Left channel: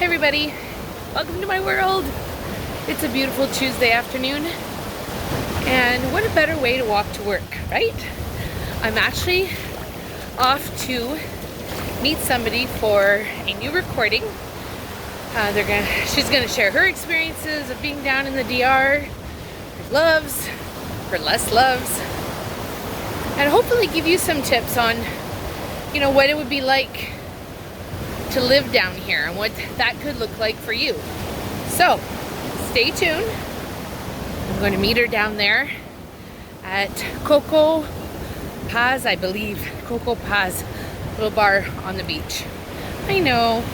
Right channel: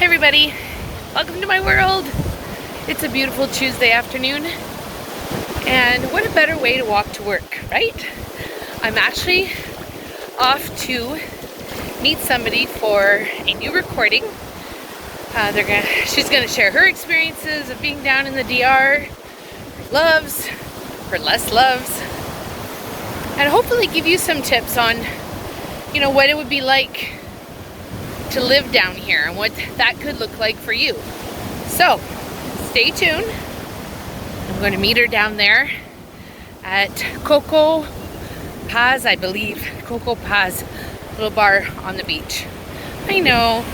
Hey everybody, welcome to my world. It's a beautiful Tuesday afternoon, and what a better way to walk to work, right? I'm actually off to meet somebody for a new recording. She's gonna share her experiences of being down in the DR, her loves, her less loves, and hopefully give you some tips on, what it would be like to live down here and what that could look like for you. So stay tuned. I'm going to meet her down there at Coco Paz, I believe. Coco Paz, little bar on the beach. I know.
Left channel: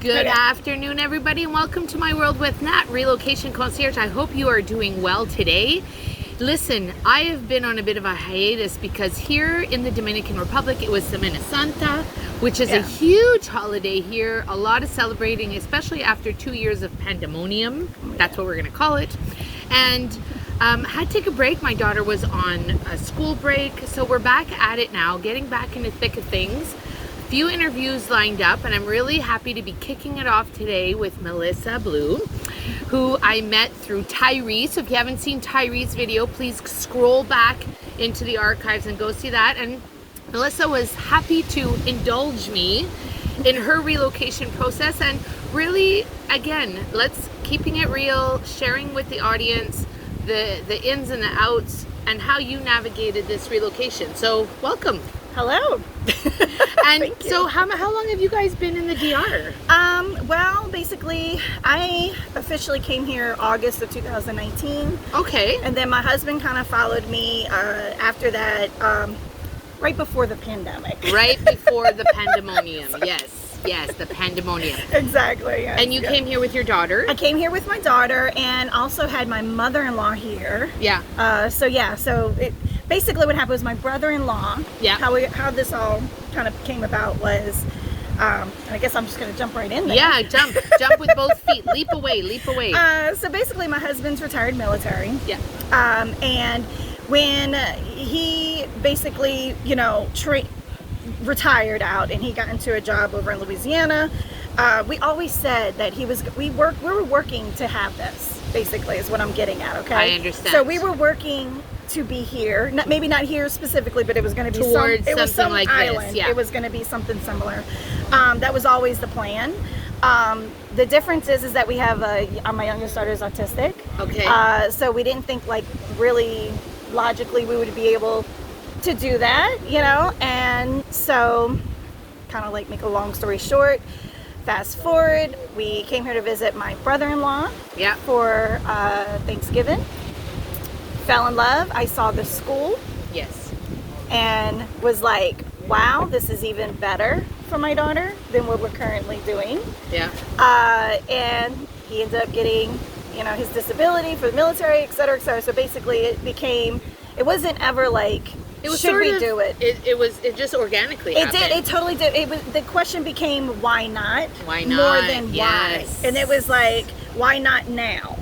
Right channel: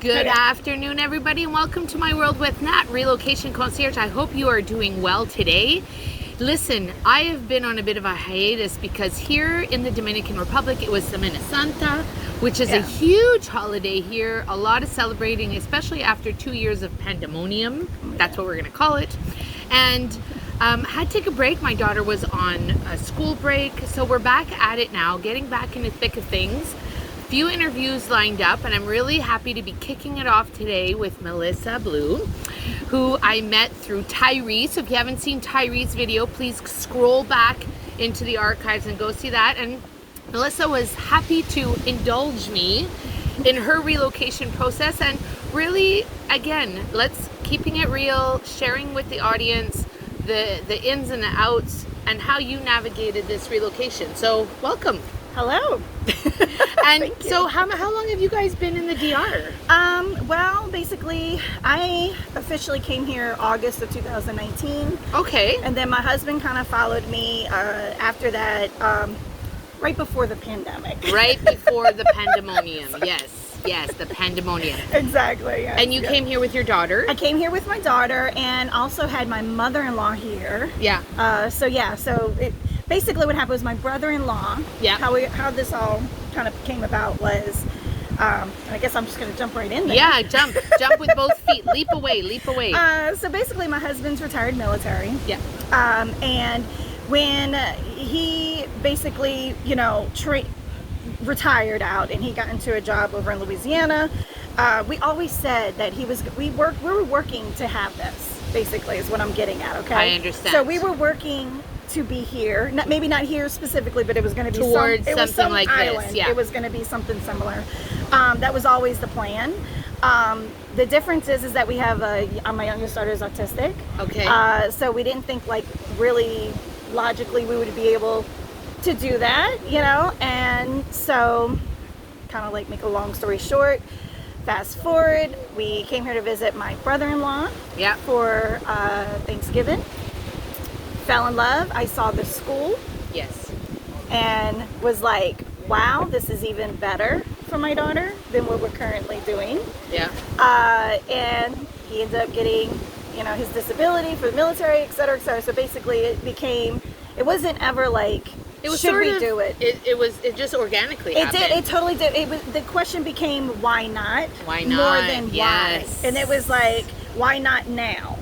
Good afternoon, everybody, and welcome to my world with Nat, Relocation Concierge. I hope you are doing well today. Listen, I have been on a bit of a hiatus because here in the Dominican Republic, it was Semana Santa, which is a huge holiday here. A lot of celebrating, especially after 2 years of pandemonium. That's what we're going to call it. And had to take a break. My daughter was on a school break, so we're back at it now, getting back in the thick of things. Few interviews lined up, and I'm really happy to be kicking it off today with Melissa Blue, who I met through Tyree. So if you haven't seen Tyree's video, please scroll back into the archives and go see that. And Melissa was happy to indulge me in her relocation process, and really, again, let's keeping it real, sharing with the audience the ins and the outs and how you navigated this relocation. So welcome. Hello. And so how long have you guys been in the DR? Well, basically, I officially came here August of 2019. Okay. And then my husband kind of followed me after that, right before the pandemic. Right before the pandemonium. Yes, the pandemonium. Exactly. Yes, And you came here with your daughter? I came here with my daughter and also had my mother-in-law here. Yeah. So basically what happened was my brother-in-law, how this all kind of came about was, I guess I'm just going to jump right in there. Yeah, jump with both feet. Leap away. So basically my husband's retired military. Yeah. And when he basically, retired out and he got into a job over in Louisiana, we always said that we were working to have this, basically, is what I'm getting at, okay? I understand. So we were working to be here, maybe not here specifically, but it was going to be towards something some like island. this. Yeah, it was going to be something similar. That was always the plan. The difference is that we have my youngest daughter is autistic. Okay. So we didn't think like really logically we would be able to do that, you know, and so kind of like make a long story short, fast forward, we came here to visit my brother-in-law for Thanksgiving. Fell in love. I saw the school. Yes. And was like, wow, this is even better for my daughter than what we're currently doing. Yeah. And he ended up getting, you know, his disability for the military, et cetera, et cetera. So basically it wasn't ever like, it was should sort we of, do it? It just organically happened. It totally did. The question became, why not? Why not? More than yes. why. And it was like, why not now?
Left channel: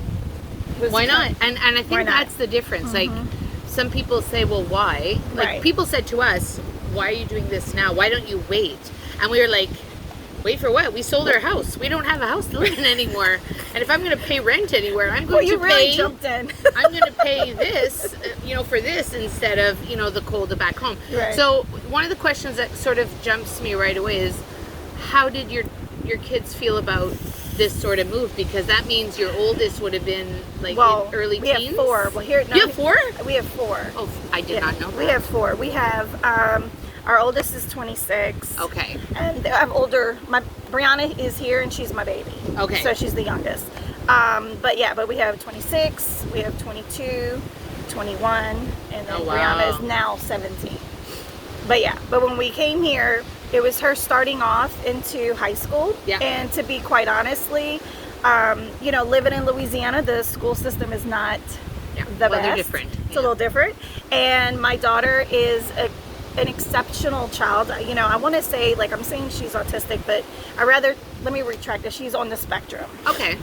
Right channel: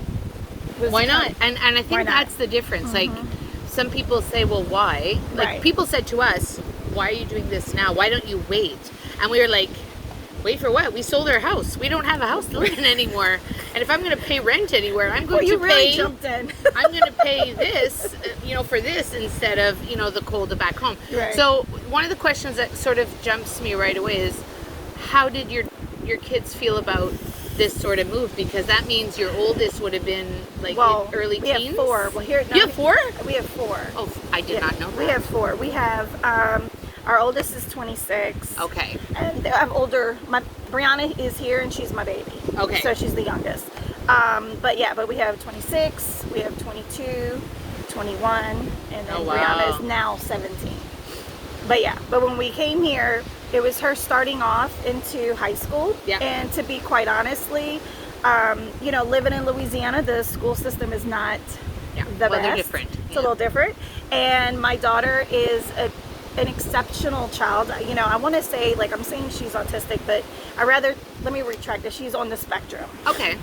Why not? And I think that's the difference. Like, some people say, well, why? Like, people said to us, why are you doing this now? Why don't you wait? And we were like, wait for what? We sold our house. We don't have a house to live in anymore. And if I'm going to pay rent anywhere, I'm going to really pay. Jumped in. I'm going to pay this, you know, for this instead of, you know, the cold back home. Right. So one of the questions that sort of jumps me right away is, how did your kids feel about this sort of move? Because that means your oldest would have been like in early teens. We have 4. Well, here you have 4? We have 4. Oh, I did not know that. We have 4. We have our oldest is 26. Okay. And I'm older. Brianna is here and she's my baby. Okay. So she's the youngest. But we have 26, we have 22, 21, and then Brianna is now 17. But when we came here, it was her starting off into high school. Yeah. And to be quite honestly, you know, living in Louisiana, the school system is not the best. They're different. It's a little different. And my daughter is an exceptional child. You know, I want to say, like, I'm saying she's autistic, but let me retract it. She's on the spectrum. Okay.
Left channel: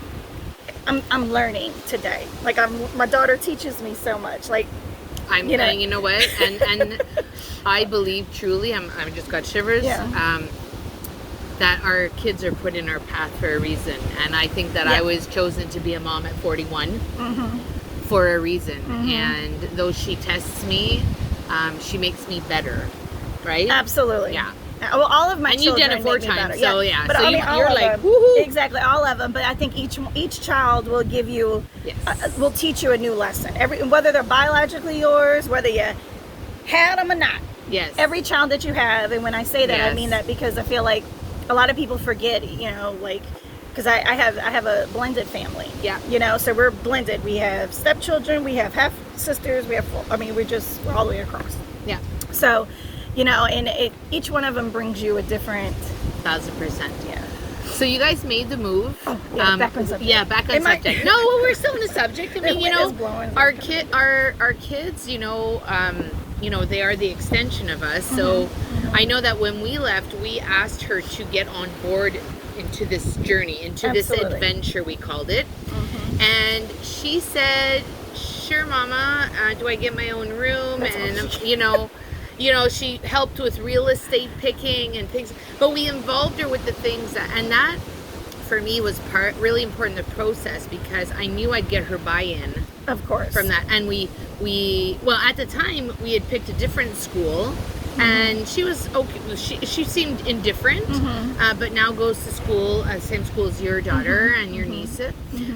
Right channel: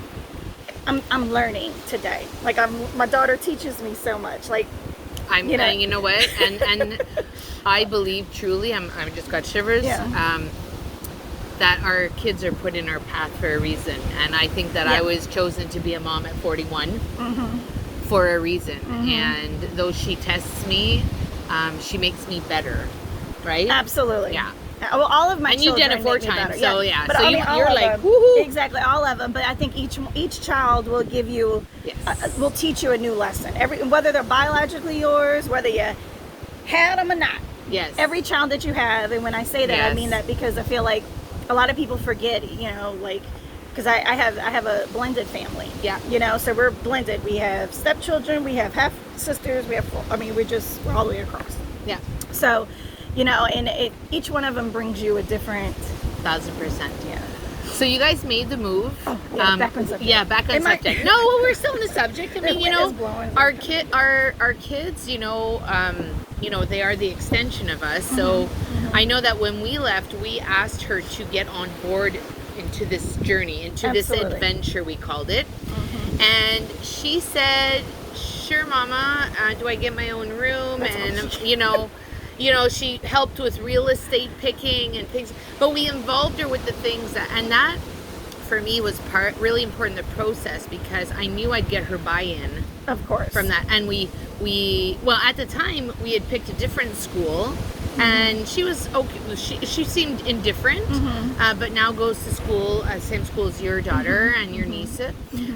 I'm learning today. Like, my daughter teaches me so much. Like, you know what? And I believe truly, I just got shivers. Yeah. That our kids are put in our path for a reason, and I think that I was chosen to be a mom at 41 for a reason. And though she tests me, she makes me better, right? Absolutely. Yeah. Well, all of my and children you've done it 4 times, so yeah. But so you're like, them, woohoo! Exactly, all of them. But I think each child will give you, will teach you a new lesson. Whether they're biologically yours, whether you had them or not. Yes. Every child that you have, and when I say that, I mean that because I feel like a lot of people forget, you know, like, because I have a blended family. Yeah. You know, so we're blended. We have stepchildren, we have half sisters, we're all the way across. Yeah. So, you know, and each one of them brings you a different 1,000%. Yeah. So you guys made the move. Oh, yeah, back on subject. Yeah, back on subject. No, well, we're still in the subject. I mean, you know, our kids, you know, they are the extension of us. So I know that when we left, we asked her to get on board into this journey, into this adventure, we called it. And she said, sure, Mama, do I get my own room? And, you know, she helped with real estate picking and things, but we involved her with the things that for me was really important, the process, because I knew I'd get her buy-in, of course, from that. And we at the time we had picked a different school, and she was okay. She seemed indifferent, but now goes to school, same school as your daughter and your niece.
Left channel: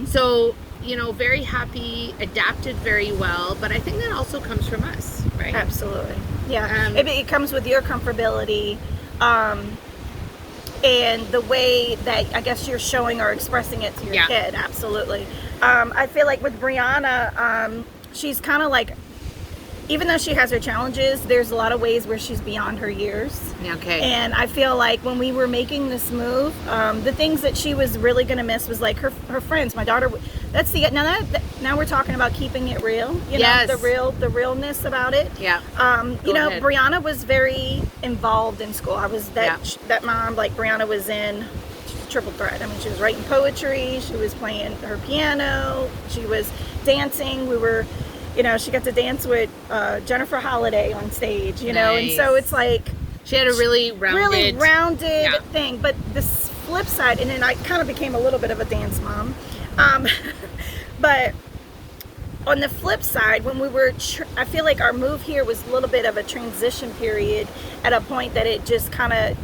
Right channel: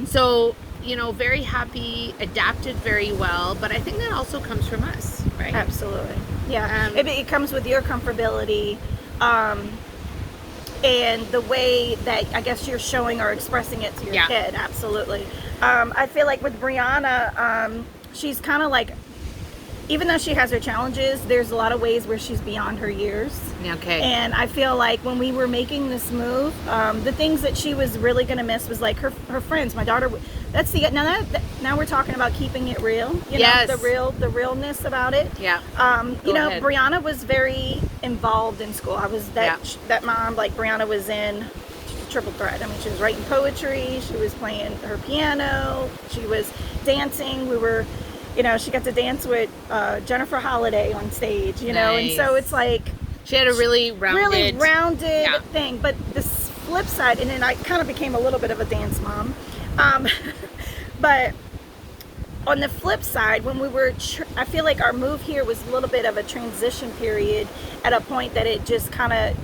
So, you know, very happy, adapted very well, but I think that also comes from us, right? Absolutely. Yeah. It comes with your comfortability, and the way that I guess you're showing or expressing it to your kid. Absolutely. I feel like with Brianna, she's kind of like, even though she has her challenges, there's a lot of ways where she's beyond her years. Okay. And I feel like when we were making this move, the things that she was really going to miss was like her friends. My daughter, now we're talking about keeping it real. You know, the realness about it. Yeah. You know, Brianna was very involved in school. I was that mom. Like, Brianna was in triple threat. I mean, she was writing poetry. She was playing her piano. She was dancing. You know, she got to dance with Jennifer Holliday on stage, you know, and so it's like... She had a really rounded thing. But the flip side, and then I kind of became a little bit of a dance mom, but on the flip side, when we were... I feel like our move here was a little bit of a transition period at a point that it just kind of...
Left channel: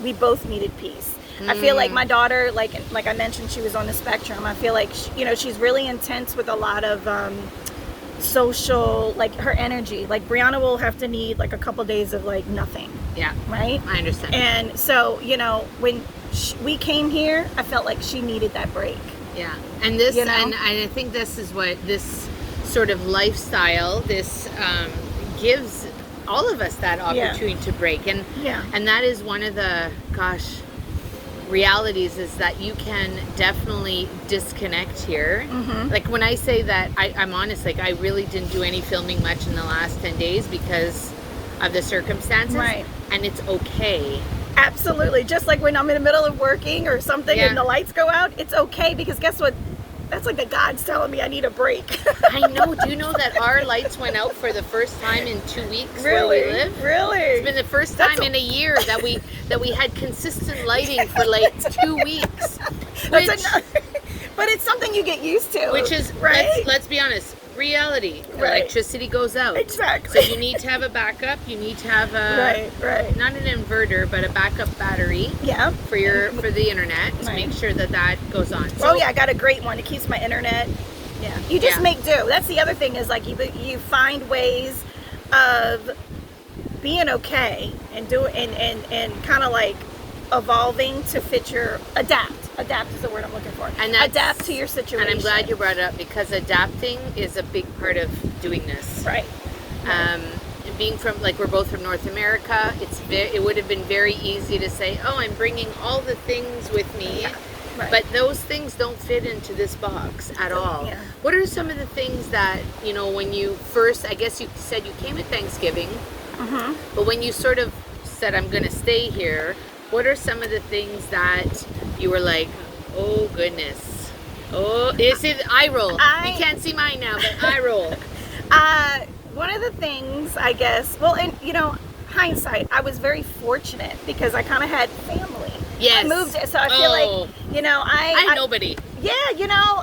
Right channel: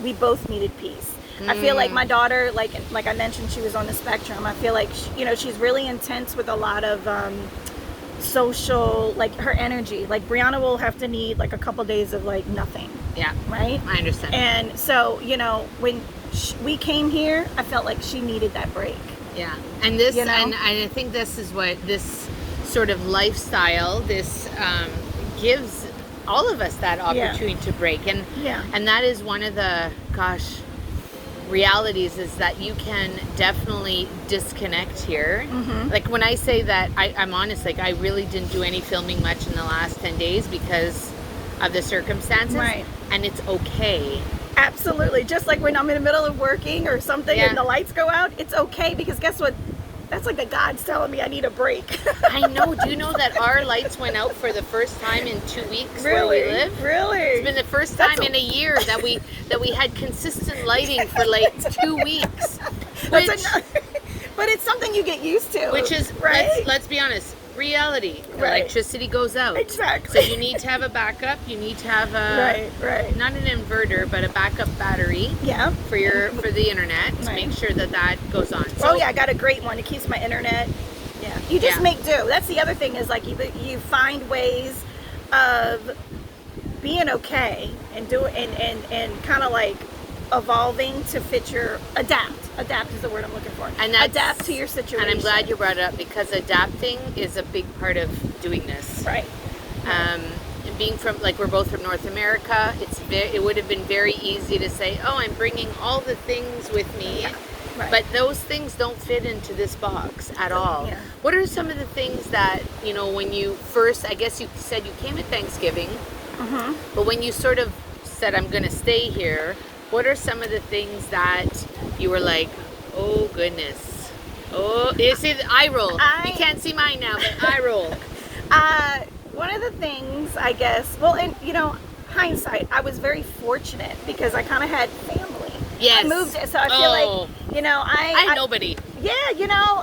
We both needed peace. I feel like my daughter, like I mentioned, she was on the spectrum. I feel like, she's really intense with a lot of social, like her energy. Like Brianna will have to need like a couple days of like nothing. Yeah. Right? I understand. And so, when we came here, I felt like she needed that break. Yeah. And this, and I think this is what this sort of lifestyle, this gives all of us that opportunity to break. And that is one of the, realities is that you can definitely disconnect here. Like when I say that, I'm honest, like I really didn't do any filming much in the last 10 days because of the circumstances. Right. And it's okay. Absolutely. Just like when I'm in the middle of working or something and the lights go out, it's okay, because guess what? That's like a God's telling me I need a break. I know. Do you know that our lights went out for the first time in 2 weeks where we live? Really? It's been the first time in a year that we had consistent lighting for like 2 weeks. But it's something you get used to. Which is, right? let's be honest, reality. Right. Electricity goes out. Exactly. So you need to have a backup. You need to have not an inverter, but a backup battery. Yeah. For the internet to make sure that goes on. So, I got a great one. It keeps my internet. Yeah. You just make do. That's the other thing, is like you find ways of being okay and kind of like evolving to fit your adapt is the word I'm looking for, and adapt to your situation. And I'm glad you brought it up, because adapting is a big part of doing this, right? Being from, like, we're both from North America, it would have been very easy to say, oh, I'm bringing all the things with me, but those things don't fit into this box at all. What are some of the things that, when you first, I guess you said you came at Thanksgiving, but when you sort of said, I'm going to stay here, what are some of the things that you were like, oh goodness, oh, is it eye roll? You can't see mine now, but eye roll. One of the things, I guess, hindsight, I was very fortunate because I kind of had family. Yes. I moved, so I feel like, I had nobody. Yeah,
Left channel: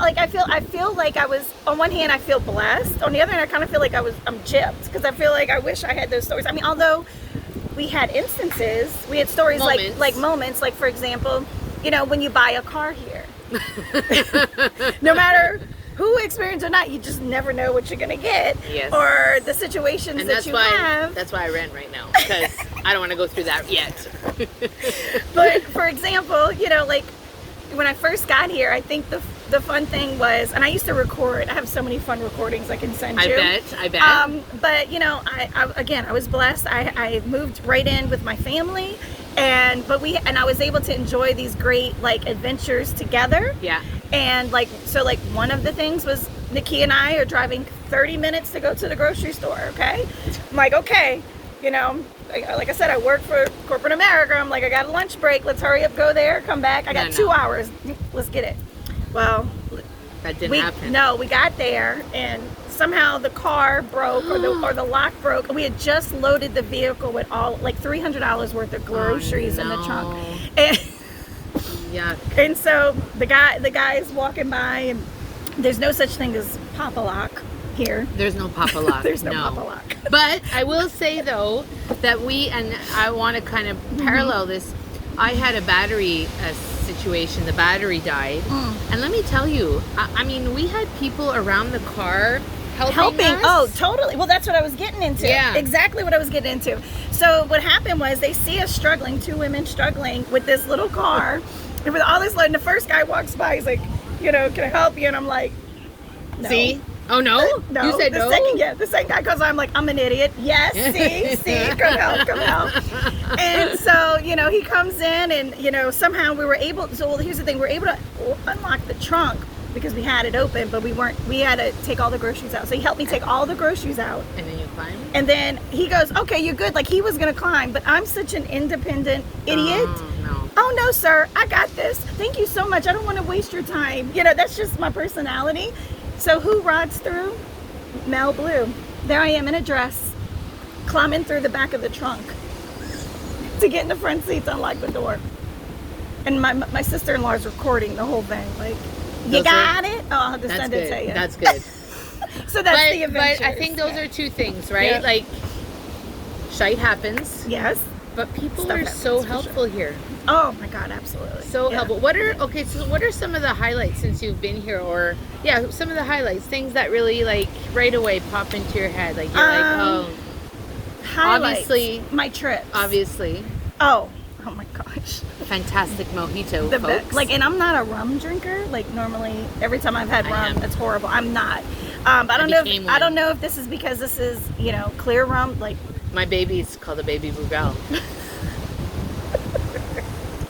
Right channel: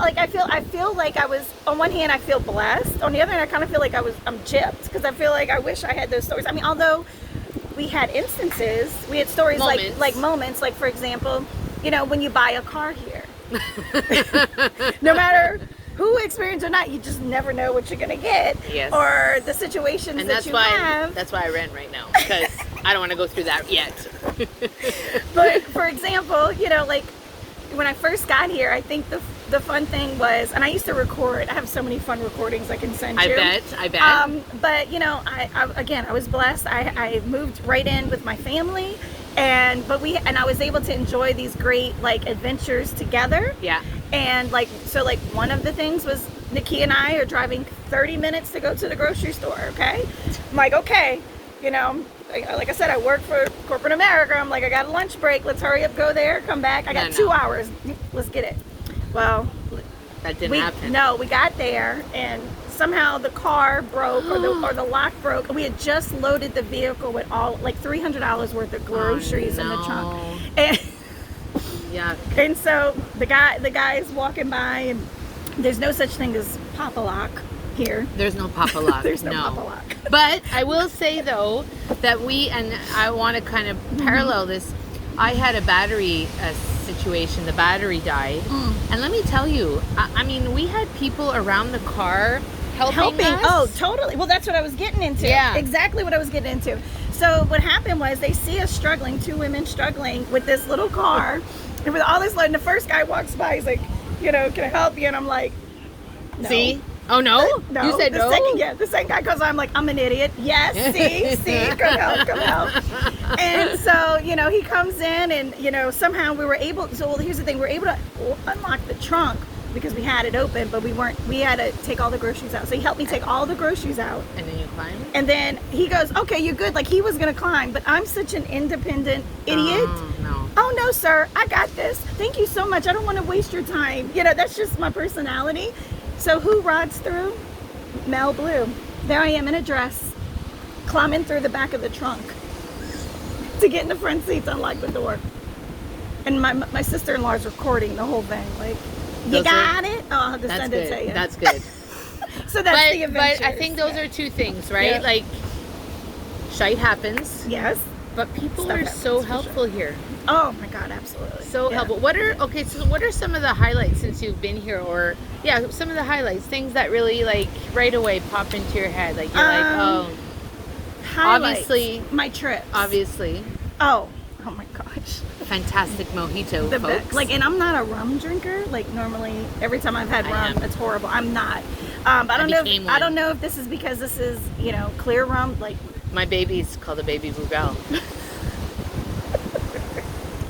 like I feel like I was, on one hand I feel blessed, on the other hand I kind of feel like I'm gypped, because I feel like I wish I had those stories. I mean, although we had instances, we had stories like moments, like for example, when you buy a car here, no matter who experienced or not, you just never know what you're going to get. Yes. Or the situations and that you have. That's why I rent right now, because I don't want to go through that yet. But for example, like when I first got here, I think the fun thing was, and I used to record. I have so many fun recordings I can send you. I bet. But I was blessed. I moved right in with my family, and I was able to enjoy these great like adventures together. Yeah. And so one of the things was Nikki and I are driving 30 minutes to go to the grocery store. Okay, I'm like, okay, like I said, I work for corporate America. I'm like, I got a lunch break. Let's hurry up, go there, come back. I got 2 hours. Let's get it. Well, that didn't happen. No, we got there, and somehow the car broke, or the lock broke. We had just loaded the vehicle with all like $300 worth of groceries in the trunk. And yeah. And so the guy's walking by, and there's no such thing as Pop-A-Lock here. There's no Pop-A-Lock. There's no Pop-A-Lock. But I will say though that and I want to kind of parallel this. I had a battery situation. The battery died, and let me tell you, I mean, we had people around the car helping us. Oh, totally. Well, that's what I was getting into. Yeah, exactly what I was getting into. So what happened was, they see us struggling, 2 women struggling with this little car, and with all this load. And the first guy walks by, he's like, can I help you? And I'm like, no. See? Oh, no? No. You said no? The second guy goes, I'm like, I'm an idiot. Yes, see, come help. And so, he comes in, and, somehow we were able, so here's the thing, we were able to unlock the trunk because we had it open, but we had to take all the groceries out. So he helped me take all the groceries out. And then you climbed? And then he goes, okay, you're good. Like, he was going to climb, but I'm such an independent idiot. Oh, no, sir, I got this. Thank you so much. I don't want to waste your time. That's just my personality. So who rides through? Mel Blue. There I am in a dress, climbing through the back of the trunk to get in the front seat to unlock the door. And my sister-in-law is recording the whole thing. Like, you got it? Oh, I'll have to send it to you. That's good. So that's the adventure. But I think those are two things, right? Yeah. Like, shite happens. Yes. But people stuff are happens, so for helpful here. Oh my God, absolutely. So Yeah. helpful. So what are some of the highlights since you've been here, or some of the highlights, things that really like right away pop into your head, like you're like, oh, Highlights. obviously, My trips. obviously, Oh my gosh. fantastic mojito, The folks. best. Like, and I'm not a rum drinker. Like normally, every time I've had I rum, am. it's horrible. I'm not. But I became one. don't know if this is because this is clear rum. Like My baby's called a baby Bugel.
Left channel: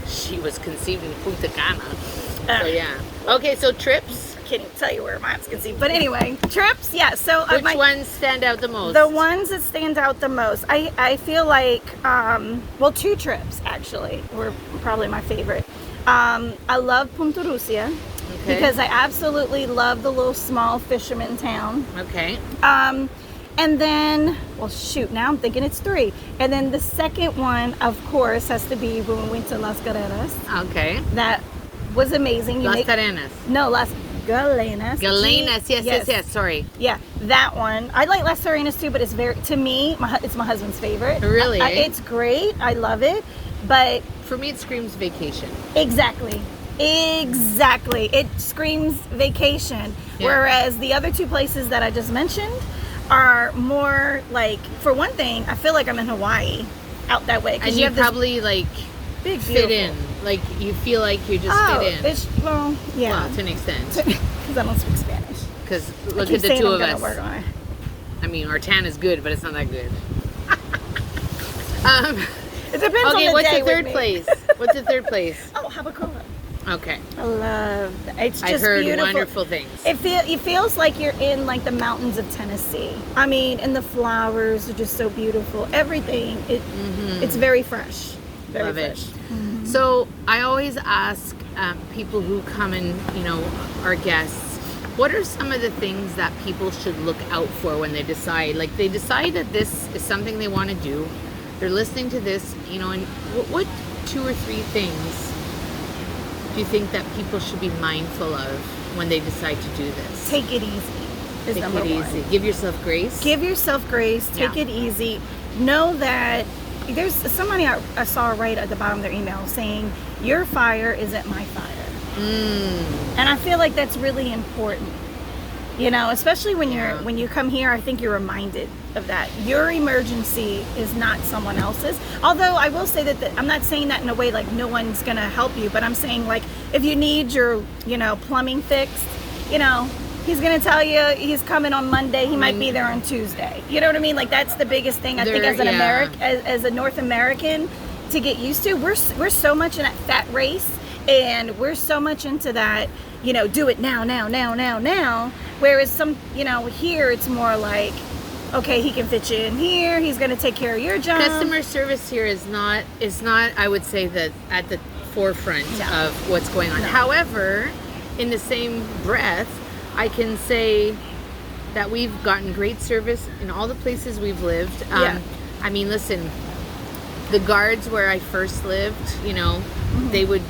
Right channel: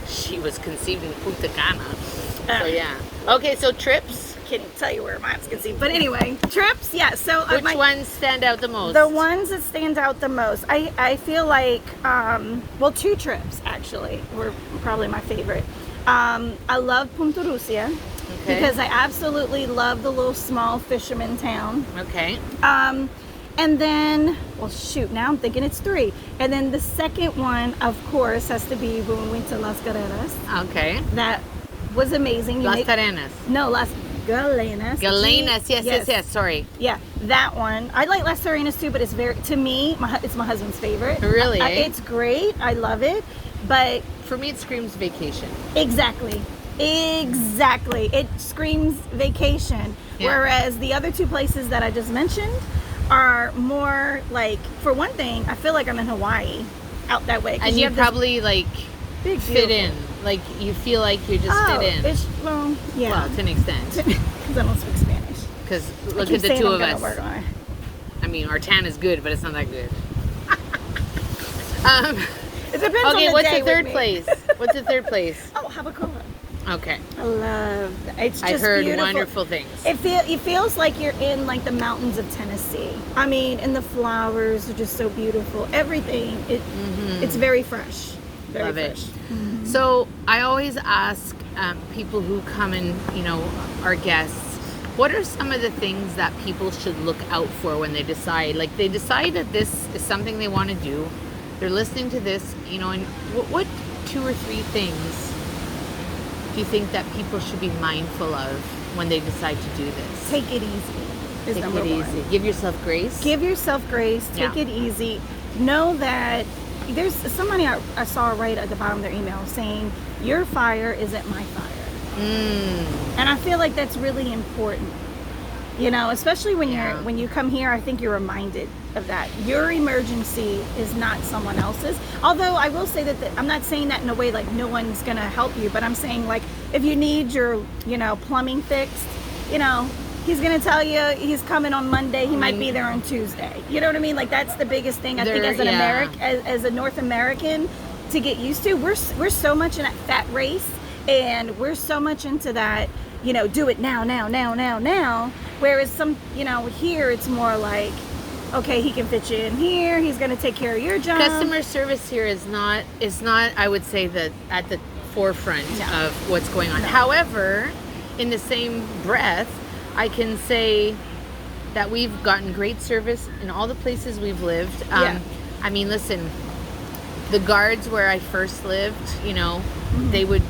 She was conceived in Punta Cana. So yeah. Okay, so trips. Can't even tell you where mine's conceived. But anyway, trips. Yeah. So Which ones stand out the most? the ones that stand out the most, I feel like, two trips actually were probably my favorite. I love Punta Rusia because I absolutely love the little small fisherman town. Okay. And then, now I'm thinking it's 3. And then the second one, of course, has to be when we went to Las Carreras. Okay. That was amazing. Las Arenas. No, Las Galenas. Galenas, yes. Sorry. Yeah, that one. I like Las Arenas too, but it's it's my husband's favorite. Really? It's great. I love it. But For me, it screams vacation. exactly. It screams vacation. Yeah. Whereas the other 2 places that I just mentioned are more like, for one thing, I feel like I'm in Hawaii out that way. And you have this probably like big, fit beautiful- in. Like you feel like you just fit in. Yeah. Well, to an extent. Because I don't speak Spanish. Because I look keep at the saying 2 I'm of gonna us. work on it. I mean, our tan is good, but it's not that good. It depends on Okay, the what's day the third with me. place? What's the third place? Oh, Habacoa. Okay. I love that. It's just I've heard beautiful. wonderful things. It feels like you're in like the mountains of Tennessee. I mean, and the flowers are just so beautiful. Everything. It's very fresh. Very Love fresh. it. So I always ask people who come and, our guests, what are some of the things that people should look out for when they decide? Like they decide that this is something they want to do. They're listening to this, and what 2 or 3 things do you think that people should be mindful of when they decide to do this? Take it easy. Is Take number it one. easy. Give yourself grace. Give yourself grace. Take Yeah. it easy. Know that there's somebody I saw right at the bottom of their email saying, "Your fire isn't my fire." And I feel like that's really important. Especially when when you come here, I think you're reminded of that. Your emergency is not someone else's. Although I will say that I'm not saying that in a way like no one's gonna help you, but I'm saying like if you need your plumbing fixed, he's gonna tell you he's coming on Monday. He might be there on Tuesday. You know what I mean? Like that's the biggest thing I think as an as a North American to get used to. We're so much in that fat race, and we're so much into that. Do it now. Whereas here it's more like, okay, he can fit you in here. He's going to take care of your job. Customer service here is not I would say that at the forefront of what's going on. No. However, in the same breath, I can say that we've gotten great service in all the places we've lived. I mean, listen, the guards where I first lived, they would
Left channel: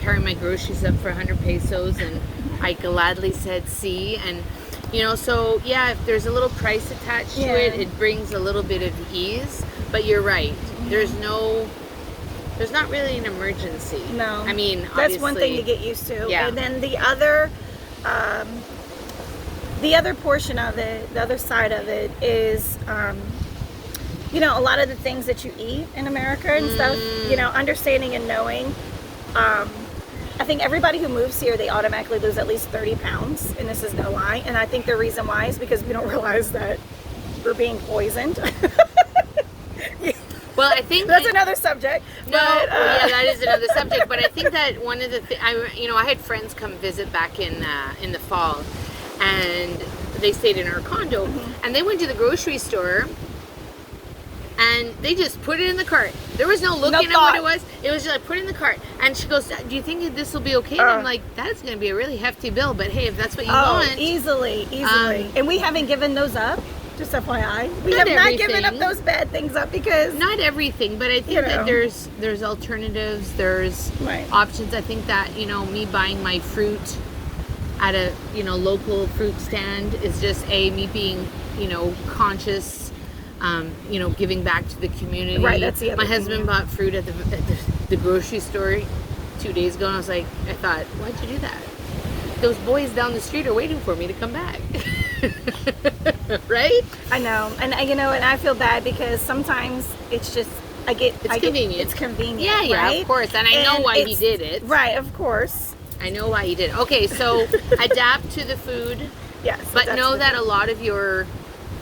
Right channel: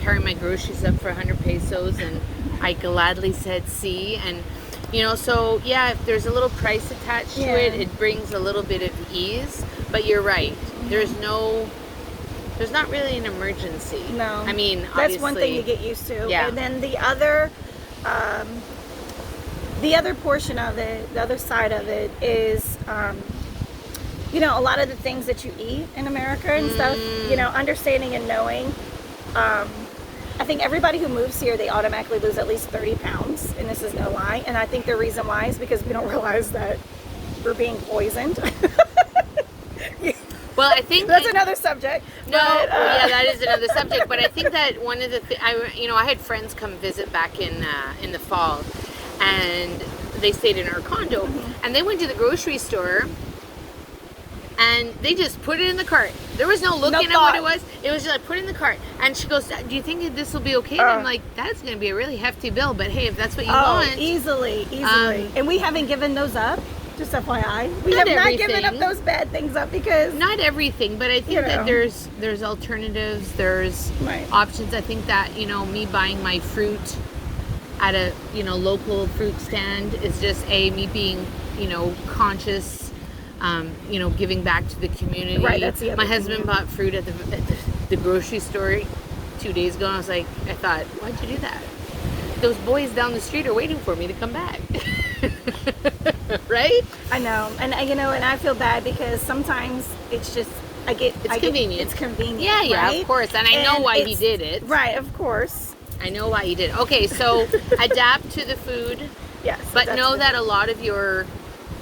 carry my groceries up for 100 pesos, and I gladly said see. And so if there's a little price attached to it brings a little bit of ease. But you're right, there's not really an emergency. No, I mean, that's obviously, one thing you get used to. Yeah. And then the other portion of it, the other side of it is a lot of the things that you eat in America and stuff, understanding and knowing. I think everybody who moves here, they automatically lose at least 30 pounds, and this is no lie. And I think the reason why is because we don't realize that we're being poisoned. Well, I think that's another subject. No, that is another subject. But I think that one of the I had friends come visit back in the fall, and they stayed in our condo, and they went to the grocery store. And they just put it in the cart. There was no looking at what it was. It was just like, put it in the cart. And she goes, do you think this will be okay? And I'm like, that's going to be a really hefty bill. But hey, if that's what you want. Easily. And we haven't given those up, just FYI. We have not given up those bad things up because. Not everything, but I think that there's alternatives. There's options. I think that, me buying my fruit at a, local fruit stand is just me being, conscious giving back to the community. Right, that's the other My thing, husband yeah. bought fruit at the grocery store 2 days ago, and I thought, why'd you do that? Those boys down the street are waiting for me to come back. Right? I know, and I feel bad because sometimes it's just convenient. It's convenient. Yeah, right? of course, and I know why he did it. Right, of course. I know why he did it. Okay, so adapt to the food. Yes, But know that a lot of your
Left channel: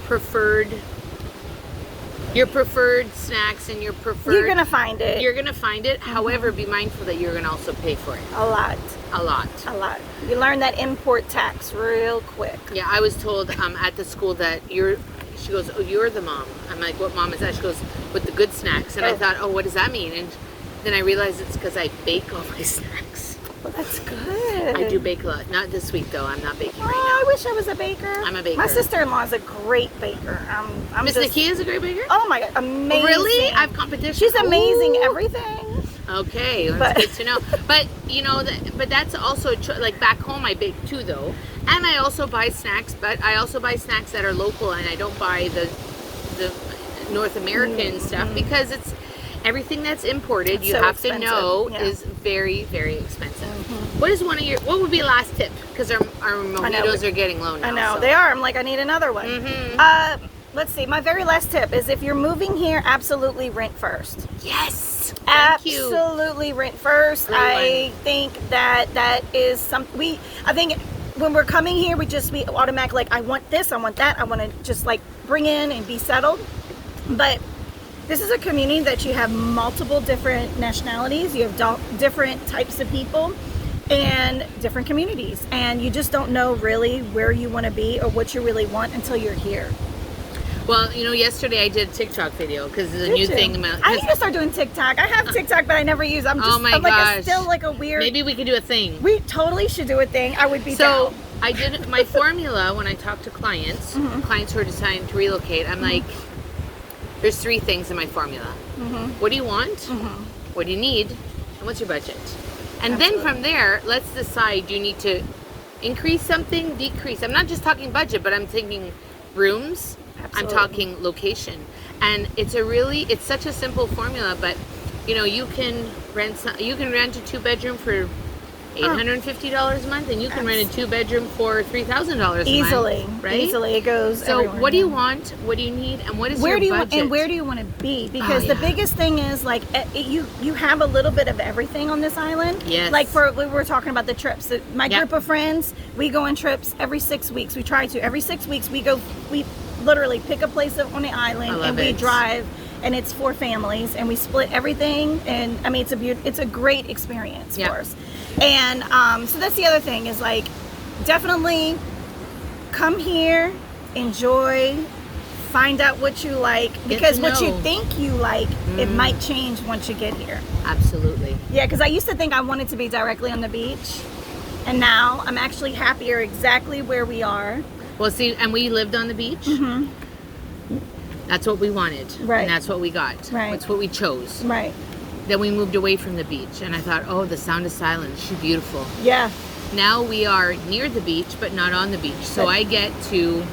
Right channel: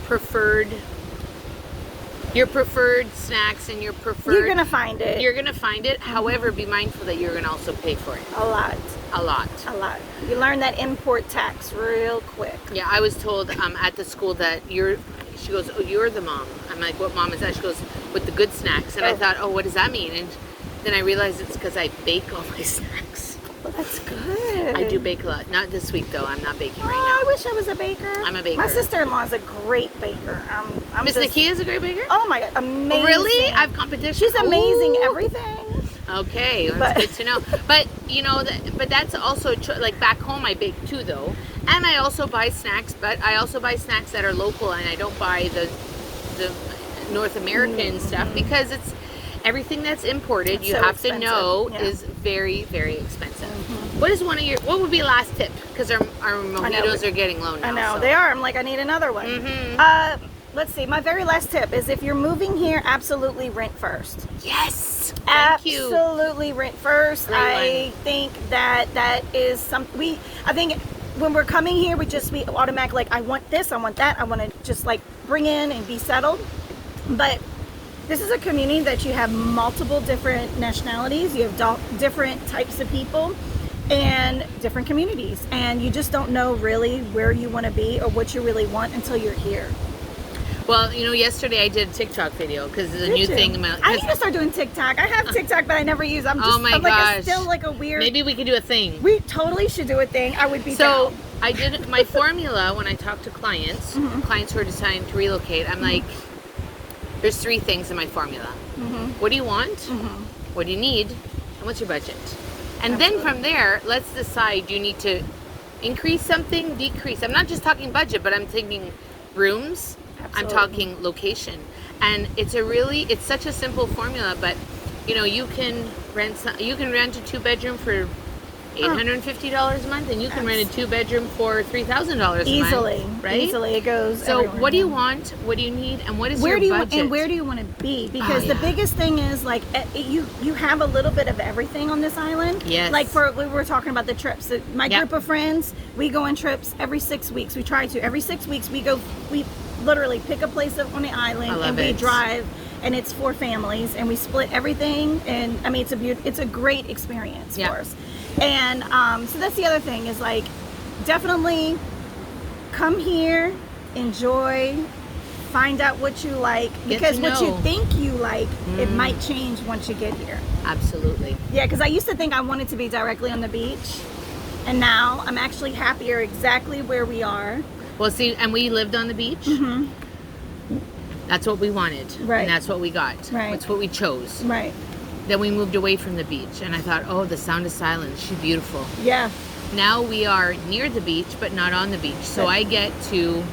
preferred snacks and you're gonna find it. You're gonna find it. However, be mindful that you're gonna also pay for it. A lot. You learn that import tax real quick. Yeah, I was told at the school that she goes, oh, you're the mom. I'm like, what mom is that? She goes, with the good snacks. And I thought, oh, what does that mean? And then I realized it's because I bake all my snacks. Well, that's good. I do bake a lot. Not this week, though. I'm not baking right I now. wish I was a baker. I'm a baker. My sister-in-law is a great baker. Miss Nakia is a great baker? Oh my God, amazing. Really? I have competition. She's amazing Ooh. Everything. Okay, that's good to know. But but that's also like back home I bake too though, and I also buy snacks. But I also buy snacks that are local, and I don't buy the North American stuff because it's everything that's imported. You so have expensive. to know Yeah. is very, very expensive. What is what would be a last tip? Because our mojitos are getting low now. I know so. they are. I'm like, I need another one. Let's see. My very last tip is if you're moving here, absolutely rent first. Yes. Thank you. Absolutely rent first. I think that is something I think when we're coming here, we just be automatic. Like, I want this, I want that. I want to just like bring in and be settled. But this is a community that you have multiple different nationalities. You have different types of people and different communities. And you just don't know really where you want to be or what you really want until you're here. Well, yesterday I did a TikTok video because it's a new thing. I need to start doing TikTok. I have TikTok, but I never use. I'm gosh. Still like a weird. Maybe we could do a thing. We totally should do a thing. I would be so. down. I did my formula when I talk to clients who are deciding to relocate. I'm like, there's 3 things in my formula. What do you want? What do you need? And what's your budget? And then from there, let's decide. You need to increase something, decrease. I'm not just talking budget, but I'm thinking rooms. I'm talking location, and it's such a simple formula. But you can rent a 2-bedroom for $850 a month, and you can rent a 2-bedroom for $3,000 a month. Easily, right? Easily, it goes. So, everywhere. what do you want? What do you need? And what is your budget? And where do you want to be? Because the biggest thing is like you have a little bit of everything on this island. Yes. Like we were talking about the trips. My group of friends, we go on trips every 6 weeks. We try to every 6 weeks. We literally pick a place on the island and we drive. And it's 4 families, and we split everything. And I mean, it's a great experience for us. And so that's the other thing is like, definitely come here, enjoy, find out what you like, because what you think you like, it might change once you get here. Absolutely. Yeah, because I used to think I wanted to be directly on the beach, and now I'm actually happier exactly where we are. Well, see, and we lived on the beach. That's what we wanted, and that's what we got. That's what we chose. Right. Then we moved away from the beach, and I thought, oh, the sound of silence, she's beautiful. Yeah. Now we are near the beach, but not on the beach. So I get to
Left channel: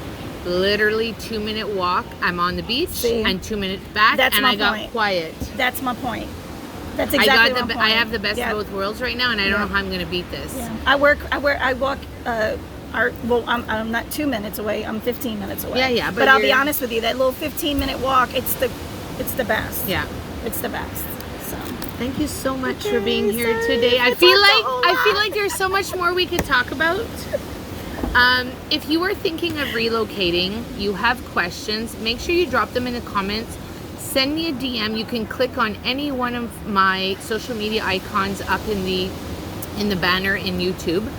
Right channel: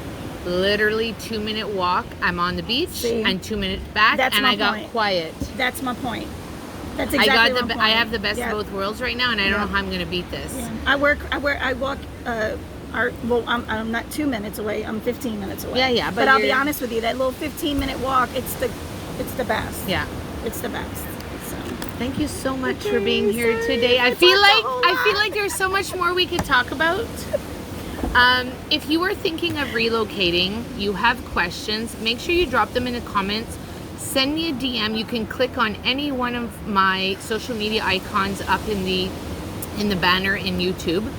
literally 2-minute walk. I'm on the beach, and 2 minutes back, and I got quiet. That's my point. That's exactly my point. I have the best of both worlds right now, and I don't know how I'm going to beat this. Yeah. I walk. I'm not 2 minutes away. I'm 15 minutes away. Yeah. But I'll be honest with you, that little 15-minute walk, it's the best. Yeah. It's the best. So. Thank you so much for being here today. I feel like there's so much more we could talk about. If you are thinking of relocating, you have questions, make sure you drop them in the comments. Send me a DM. You can click on any one of my social media icons up in the banner in YouTube.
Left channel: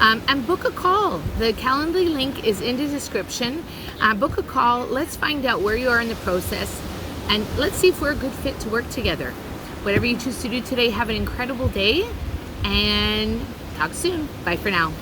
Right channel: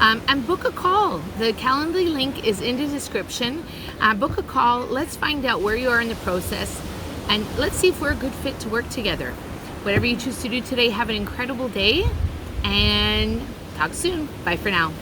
And book a call. The Calendly link is in the description. Book a call. Let's find out where you are in the process, and let's see if we're a good fit to work together. Whatever you choose to do today, have an incredible day, and talk soon. Bye for now.